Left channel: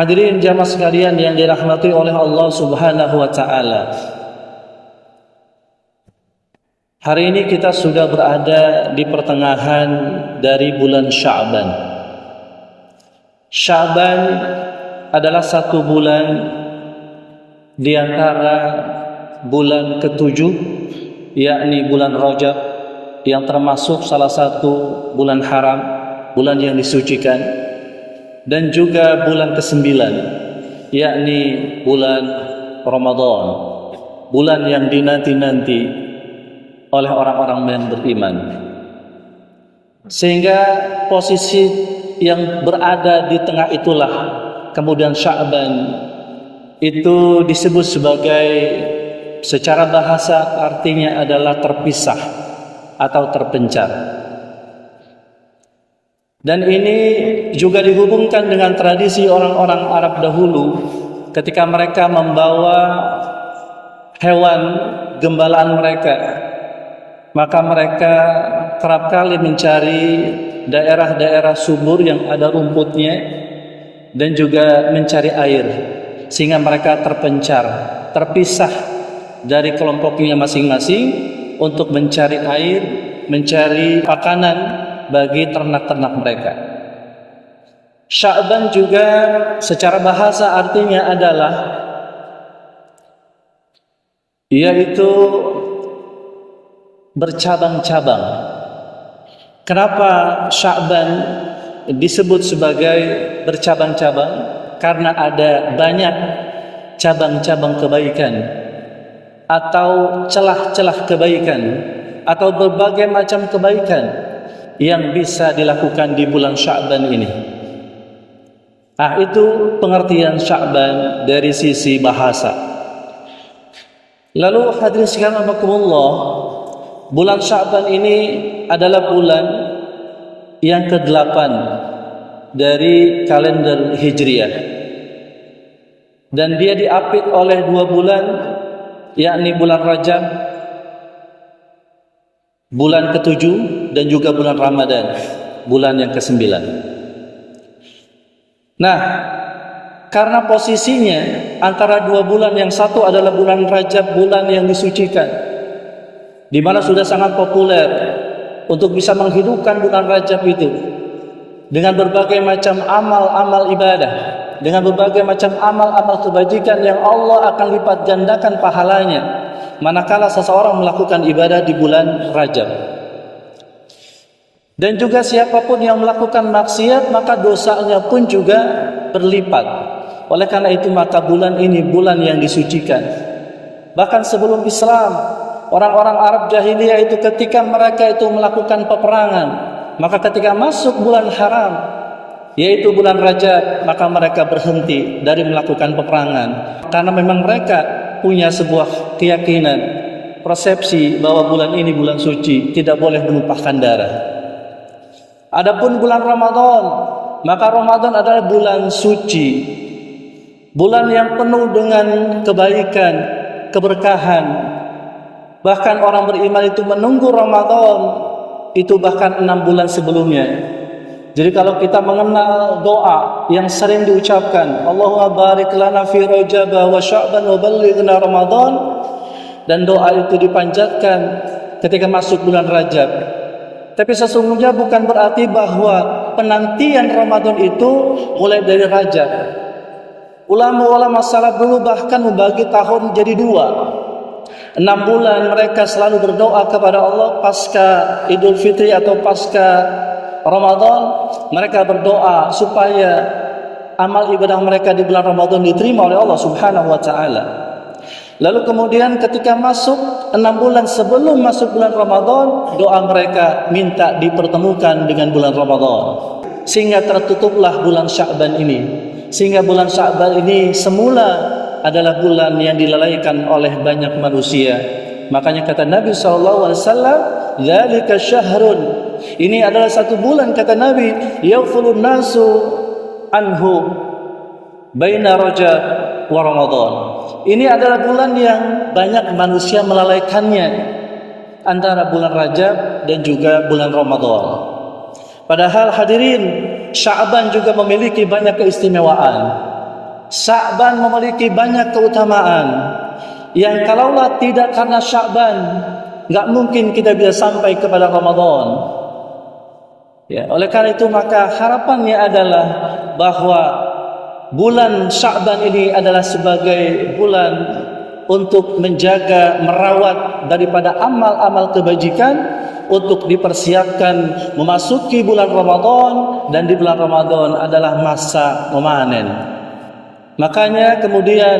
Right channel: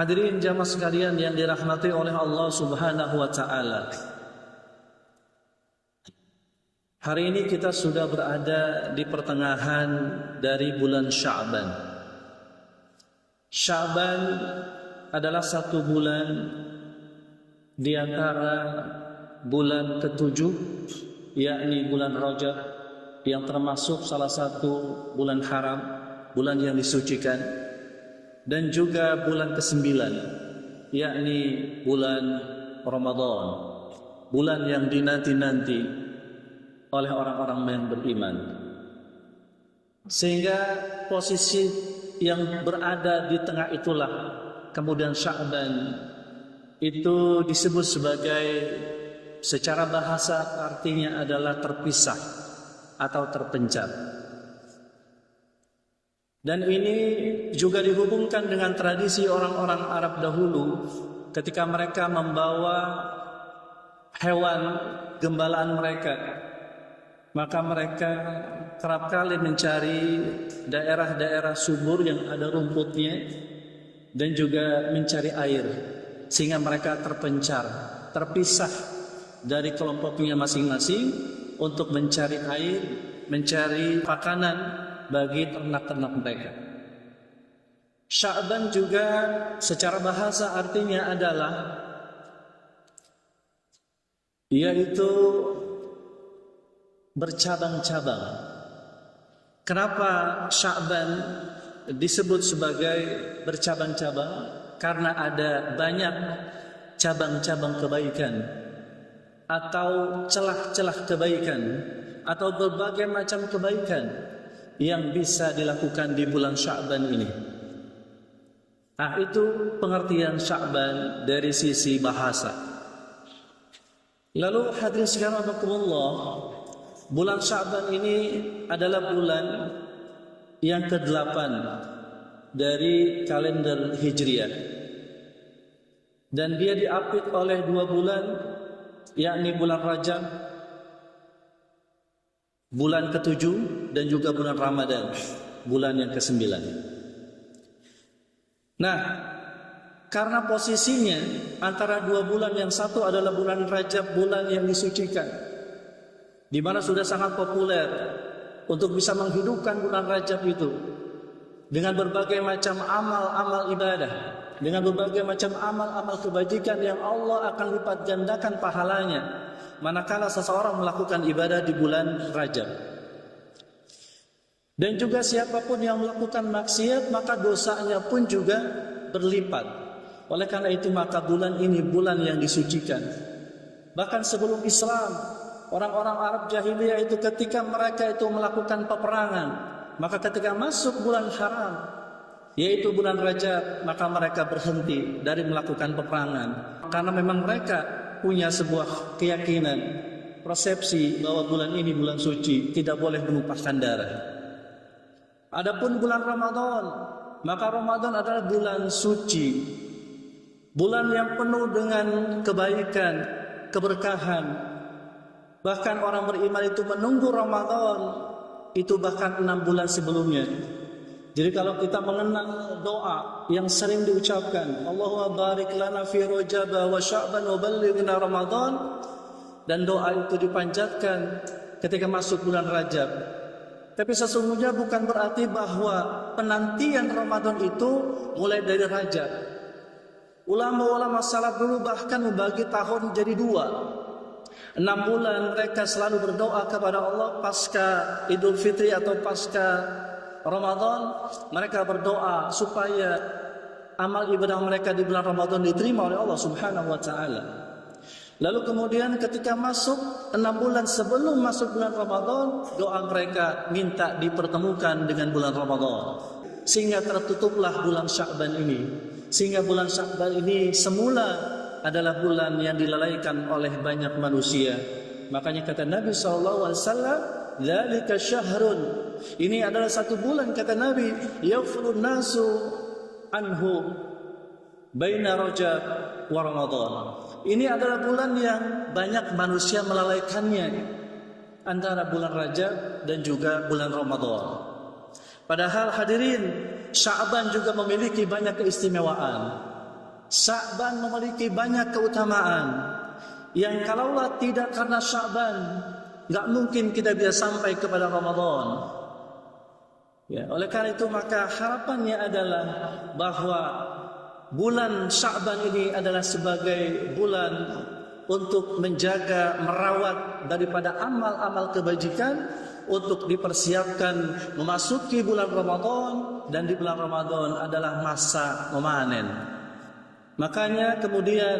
Hadirin jamaah sekalian yang dirahmati oleh Allah Subhanahu wa taala. Hari ini kita sudah berada di pertengahan dari bulan Sya'ban. Sya'ban adalah satu bulan di antara bulan ketujuh, yakni bulan Rajab, yang termasuk salah satu bulan haram, bulan yang disucikan, dan juga bulan ke-9, yakni bulan Ramadan, bulan yang dinanti-nanti oleh orang-orang yang beriman. Sehingga posisi yang berada di tengah itulah kemudian Sya'ban itu disebut sebagai, secara bahasa artinya adalah terpisah atau terpencar. Dan ini juga dihubungkan dengan tradisi orang-orang Arab dahulu ketika mereka membawa hewan gembalaan mereka, maka mereka kerap kali mencari daerah-daerah subur yang ada rumputnya dan juga mencari air, sehingga mereka terpencar, terpisah dari kelompoknya masing-masing untuk mencari air, mencari makanan bagi ternak-ternak mereka. Sya'ban juga secara bahasa artinya adalah, yaitu bercabang-cabang. Kenapa Sya'ban disebut sebagai bercabang-cabang? Karena ada banyak cabang-cabang kebaikan atau celah-celah kebaikan atau berbagai macam kebaikan yang bisa dilakukan di bulan Sya'ban ini. Itu pengertian Sya'ban dari sisi bahasa. Lalu hadirin sekalian rahimakumullah, bulan Sya'ban ini adalah bulan yang ke-8 dari kalender Hijriah. Dan dia diapit oleh 2 bulan, yakni bulan Rajab, bulan ke-7, dan juga bulan Ramadan, bulan yang ke-9. Nah, karena posisinya antara 2 bulan, yang satu adalah bulan Rajab, bulan yang disucikan, di mana sudah sangat populer untuk bisa menghidupkan bulan Rajab itu dengan berbagai macam amal-amal ibadah, dengan berbagai macam amal-amal kebajikan yang Allah akan lipat gandakan pahalanya manakala seseorang melakukan ibadah di bulan Rajab. Dan juga siapapun yang melakukan maksiat, maka dosanya pun juga berlipat. Oleh karena itu maka bulan ini bulan yang disucikan. Bahkan sebelum Islam, orang-orang Arab jahiliyah itu ketika mereka itu melakukan peperangan, maka ketika masuk bulan haram, yaitu bulan Rajab, maka mereka berhenti dari melakukan peperangan. Karena memang mereka punya sebuah keyakinan, persepsi bahwa bulan ini bulan suci, tidak boleh menumpahkan darah. Adapun bulan Ramadan, maka Ramadan adalah bulan suci, bulan yang penuh dengan kebaikan, keberkahan. Bahkan orang beriman itu menunggu Ramadan itu bahkan 6 bulan sebelumnya. Jadi kalau kita mengenal doa yang sering diucapkan, Allahumma barik lana fi Rajab wa Sya'ban wa ballighna Ramadan, dan doa itu dipanjatkan ketika masuk bulan Rajab. Tapi sesungguhnya bukan berarti bahwa penantian Ramadan itu mulai dari Rajab. Ulama-ulama salaf dulu bahkan membagi tahun jadi 2. 6 bulan mereka selalu berdoa kepada Allah pasca Idul Fitri atau pasca Ramadan. Mereka berdoa supaya amal ibadah mereka di bulan Ramadan diterima oleh Allah Subhanahu wa taala. Lalu kemudian ketika masuk 6 bulan sebelum masuk bulan Ramadan, doa mereka minta dipertemukan dengan bulan Ramadan, sehingga tertutuplah bulan Sya'ban ini. Sehingga bulan Sya'ban ini semula adalah bulan yang dilalaikan oleh banyak manusia. Makanya kata Nabi SAW, "Dzalika syahrun." Ini adalah satu bulan, kata Nabi, "Yaghfulun nasu anhu baina Rajab wa Ramadan." Ini adalah bulan yang banyak manusia melalaikannya antara bulan Rajab dan juga bulan Ramadan. Padahal hadirin, Sya'ban juga memiliki banyak keistimewaan. Sya'ban memiliki banyak keutamaan yang kalaulah tidak karena Sya'ban, nggak mungkin kita bisa sampai kepada Ramadan. Ya, oleh karena itu maka harapannya adalah bahwa bulan Sya'ban ini adalah sebagai bulan untuk menjaga, merawat daripada amal-amal kebajikan untuk dipersiapkan memasuki bulan Ramadan, dan di bulan Ramadan adalah masa memanen. Makanya kemudian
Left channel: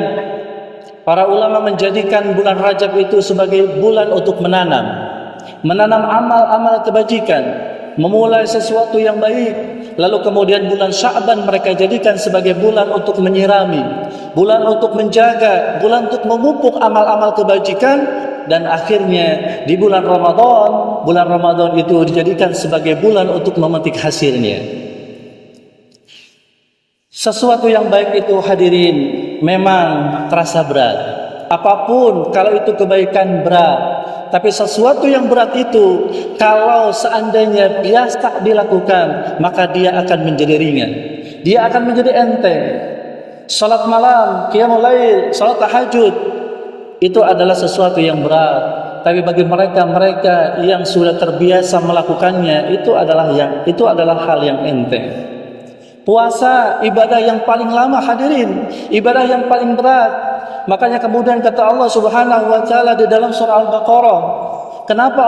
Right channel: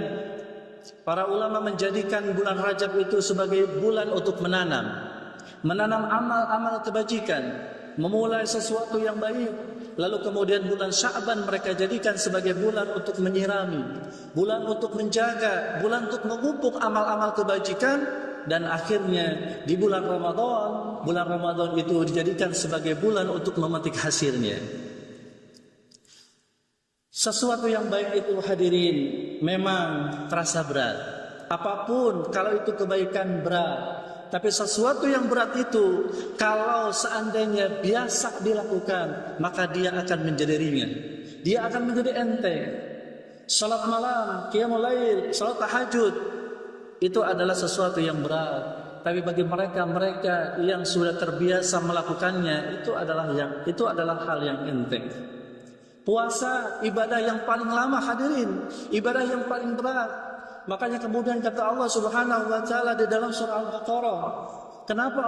para ulama menjadikan bulan Rajab itu sebagai bulan untuk menanam amal-amal kebajikan, memulai sesuatu yang baik. Lalu kemudian bulan Sya'ban mereka jadikan sebagai bulan untuk menyirami, bulan untuk menjaga, bulan untuk memupuk amal-amal kebajikan. Dan akhirnya di bulan Ramadan itu dijadikan sebagai bulan untuk memetik hasilnya. Sesuatu yang baik itu hadirin memang terasa berat. Apapun kalau itu kebaikan berat, tapi sesuatu yang berat itu kalau seandainya biasa dilakukan, maka dia akan menjadi ringan. Dia akan menjadi enteng. Salat malam, qiyamul lail, salat tahajud itu adalah sesuatu yang berat. Tapi bagi mereka yang sudah terbiasa melakukannya, itu adalah hal yang enteng. Puasa ibadah yang paling lama hadirin, ibadah yang paling berat. Makanya kemudian kata Allah Subhanahu wa taala di dalam surah Al-Baqarah, kenapa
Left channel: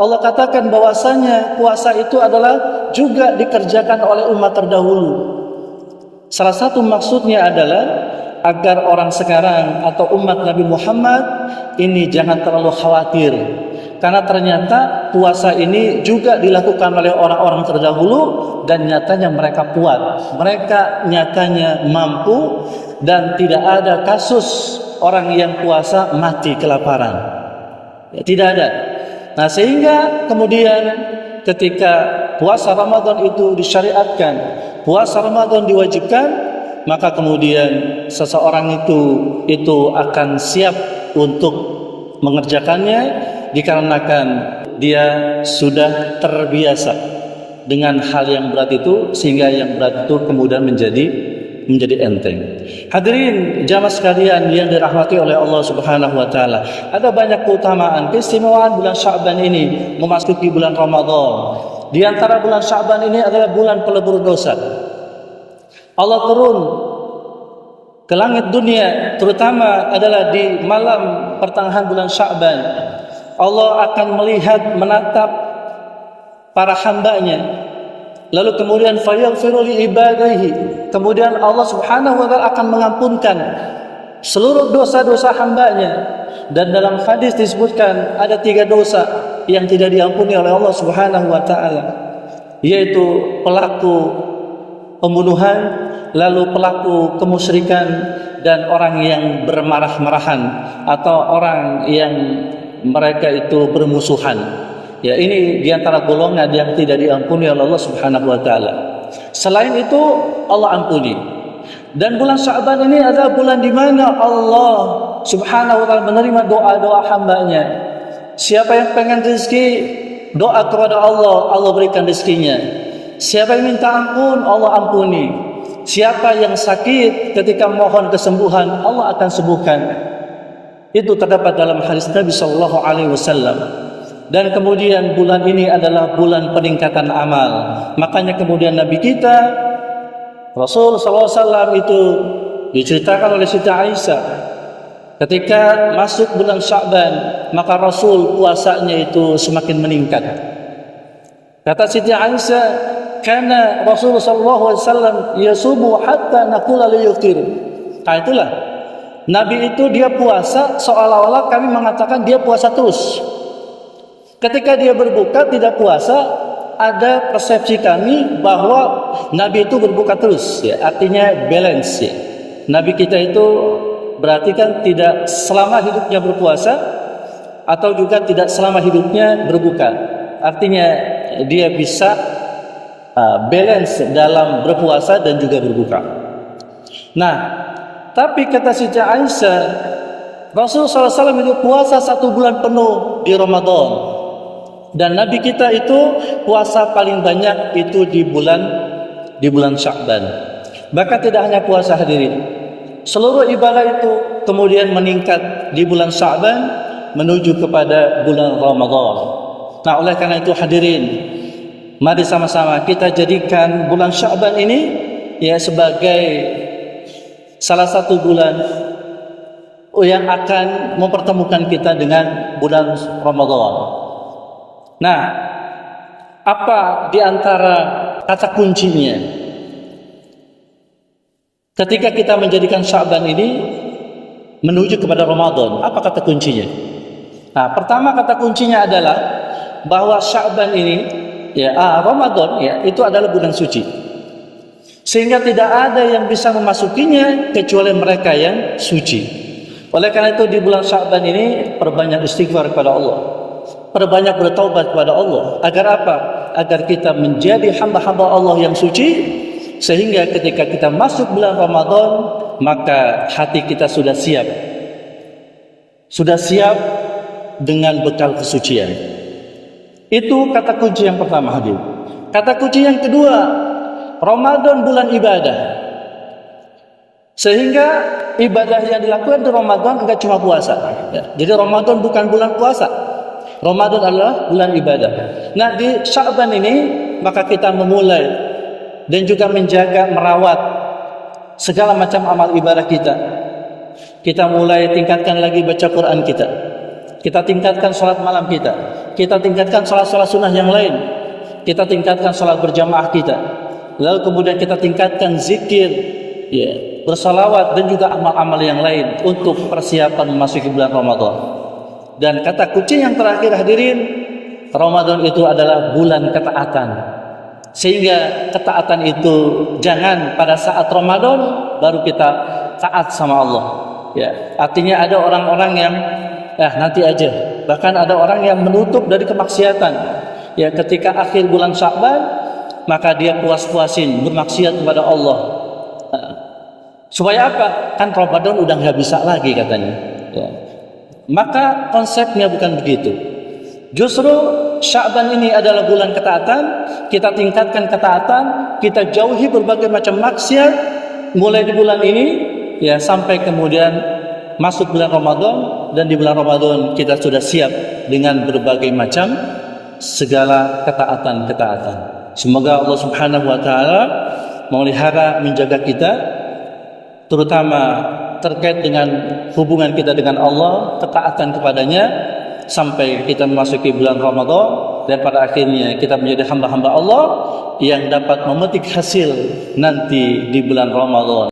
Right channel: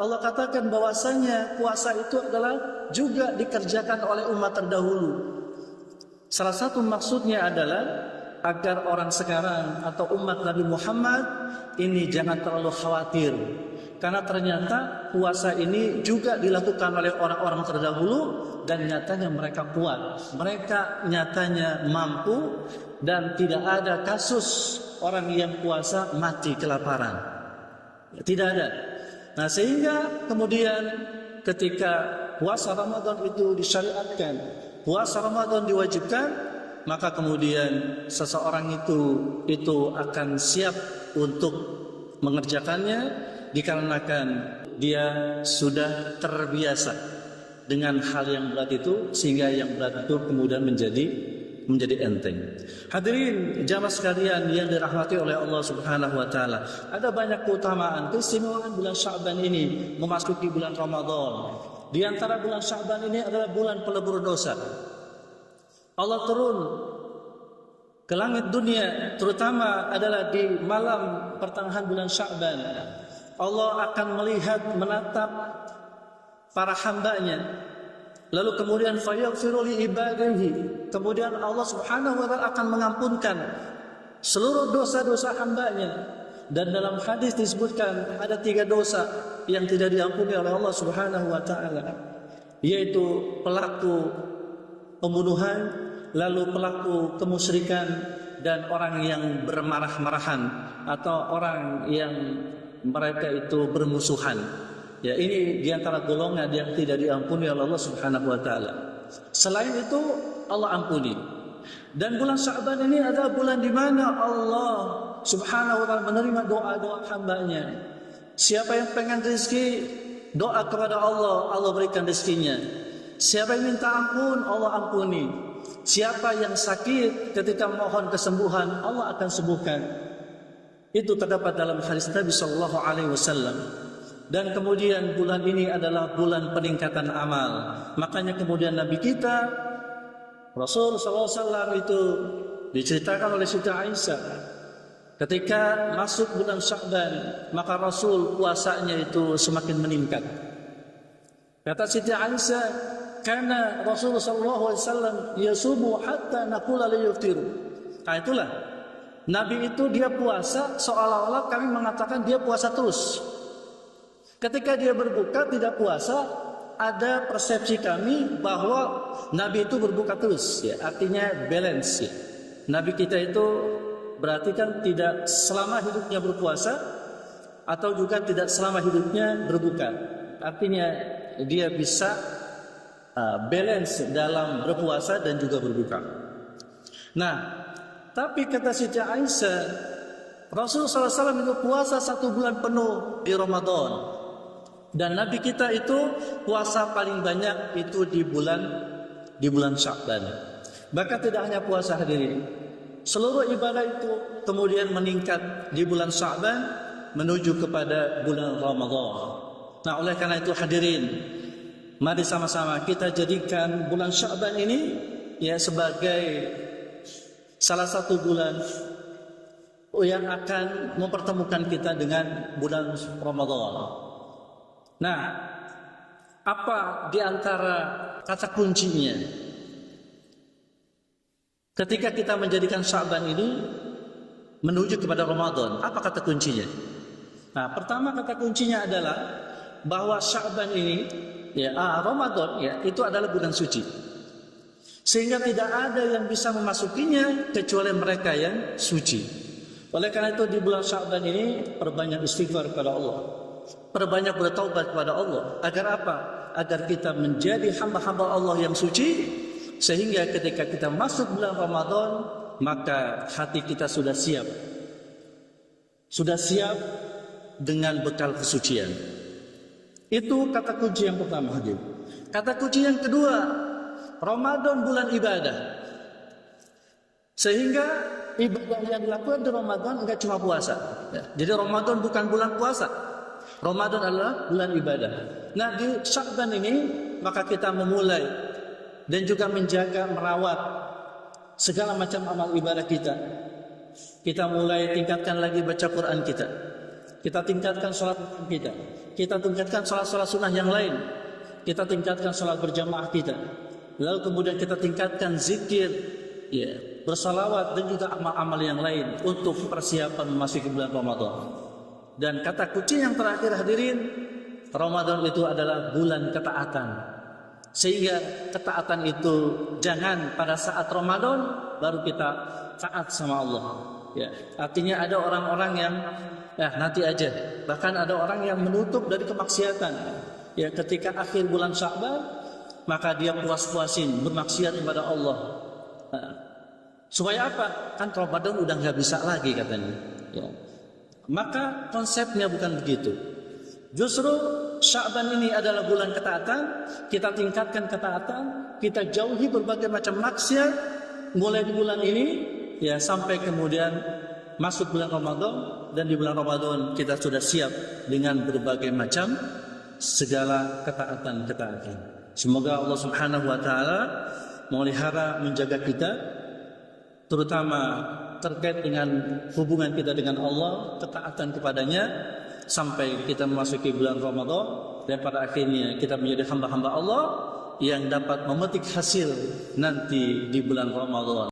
Allah katakan bahwasanya puasa itu adalah juga dikerjakan oleh umat terdahulu. Salah satu maksudnya adalah agar orang sekarang atau umat Nabi Muhammad ini jangan terlalu khawatir. Karena ternyata puasa ini juga dilakukan oleh orang-orang terdahulu dan nyatanya mereka kuat. Mereka nyatanya mampu dan tidak ada kasus orang yang puasa mati kelaparan. Ya, tidak ada. Nah, sehingga kemudian ketika puasa Ramadan itu disyariatkan, puasa Ramadan diwajibkan, maka kemudian seseorang itu akan siap untuk mengerjakannya dikarenakan dia sudah terbiasa dengan hal yang berat itu, sehingga yang berat itu kemudian menjadi enteng. Hadirin jamaah sekalian yang dirahmati oleh Allah Subhanahu wa taala, ada banyak keutamaan keistimewaan bulan Sya'ban ini memasuki bulan Ramadan. Di antara bulan Sya'ban ini adalah bulan pelebur dosa. Allah turun ke langit dunia, terutama adalah di malam pertengahan bulan Sya'ban. Allah akan melihat, menatap para hambanya. Lalu kemudian fayaghfiru li ibadihi. Kemudian Allah Subhanahu wa taala akan mengampunkan seluruh dosa-dosa hambanya. Dan dalam hadis disebutkan ada 3 dosa yang tidak diampuni oleh Allah Subhanahu wa taala, yaitu pelaku pembunuhan, lalu pelaku kemusyrikan, dan orang yang bermarah-marahan atau orang yang mereka itu bermusuhan. Ya, ini diantara golongan yang tidak diampuni oleh Allah Subhanahu wa taala. Selain itu Allah ampuni. Dan bulan Sya'ban ini adalah bulan di mana Allah Subhanahu wa taala menerima doa-doa hambanya. Siapa yang pengen rezeki, doa kepada Allah, Allah berikan rezekinya. Siapa yang minta ampun, Allah ampuni. Siapa yang sakit, ketika mohon kesembuhan, Allah akan sembuhkan. Itu terdapat dalam hadis Nabi sallallahu alaihi wasallam. Dan kemudian bulan ini adalah bulan peningkatan amal. Makanya kemudian Nabi kita Rasul sallallahu alaihi wasallam itu diceritakan oleh Siti Aisyah, ketika masuk bulan Sya'ban, maka Rasul puasanya itu semakin meningkat. Kata Siti Aisyah, karena Rasul sallallahu alaihi wasallam yasubu hatta naqula li yuftir. Nah, itulah Nabi itu dia puasa seolah-olah kami mengatakan dia puasa terus. Ketika dia berbuka tidak puasa, ada persepsi kami bahwa Nabi itu berbuka terus, ya, artinya balance, ya. Nabi kita itu berarti kan tidak selama hidupnya berpuasa atau juga tidak selama hidupnya berbuka. Artinya dia bisa balance dalam berpuasa dan juga berbuka. Nah, tapi kata Siti Aisyah, Rasulullah SAW itu puasa 1 bulan penuh di Ramadan, dan Nabi kita itu puasa paling banyak itu di bulan Sya'ban. Bahkan tidak hanya puasa hadirin, Seluruh ibadah itu kemudian meningkat di bulan Sya'ban menuju kepada bulan Ramadan. Nah, oleh karena itu hadirin, mari sama-sama kita jadikan bulan Sya'ban ini ya sebagai salah satu bulan yang akan mempertemukan kita dengan bulan Ramadan. Nah, apa di antara kata kuncinya ketika kita menjadikan Sya'ban ini menuju kepada Ramadan? Apa kata kuncinya? Nah, pertama kata kuncinya adalah bahwa Sya'ban ini Ramadan itu adalah bulan suci, sehingga tidak ada yang bisa memasukinya kecuali mereka yang suci. Oleh karena itu di bulan Sya'ban ini perbanyak istighfar kepada Allah, perbanyak bertaubat kepada Allah. Agar apa? Agar kita menjadi hamba-hamba Allah yang suci, sehingga ketika kita masuk bulan Ramadan maka hati kita sudah siap dengan bekal kesucian. Itu kata kunci yang pertama, hadir. Kata kunci yang kedua, Ramadan bulan ibadah, sehingga ibadah yang dilakukan di Ramadan enggak cuma puasa. Jadi Ramadan bukan bulan puasa, Ramadan adalah bulan ibadah. Nah, di Sya'ban ini maka kita memulai dan juga menjaga, merawat segala macam amal ibadah kita. Kita mulai tingkatkan lagi baca Quran kita. Kita tingkatkan salat malam kita. Kita tingkatkan salat-salat sunnah yang lain. Kita tingkatkan salat berjamaah kita. Lalu kemudian kita tingkatkan zikir, bersalawat dan juga amal-amal yang lain untuk persiapan memasuki bulan Ramadan. Dan kata kunci yang terakhir, hadirin, Ramadan itu adalah bulan ketaatan. Sehingga ketaatan itu jangan pada saat Ramadan baru kita taat sama Allah. Artinya ada orang-orang yang nanti aja. Bahkan ada orang yang menutup dari kemaksiatan. Ketika akhir bulan Sya'ban maka dia puas-puasin bermaksiat kepada Allah. Supaya apa? Kan Ramadan udah nggak bisa lagi katanya. Maka konsepnya bukan begitu. Justru Sya'ban ini adalah bulan ketaatan. Kita tingkatkan ketaatan, kita jauhi berbagai macam maksiat mulai di bulan ini sampai kemudian masuk bulan Ramadan. Dan di bulan Ramadan kita sudah siap dengan berbagai macam segala ketaatan-ketaatan. Semoga Allah Subhanahu wa taala memelihara, menjaga kita, terutama terkait dengan hubungan kita dengan Allah, ketaatan kepadanya, sampai kita memasuki bulan Ramadan dan pada akhirnya kita menjadi hamba-hamba Allah yang dapat memetik hasil nanti di bulan Ramadan.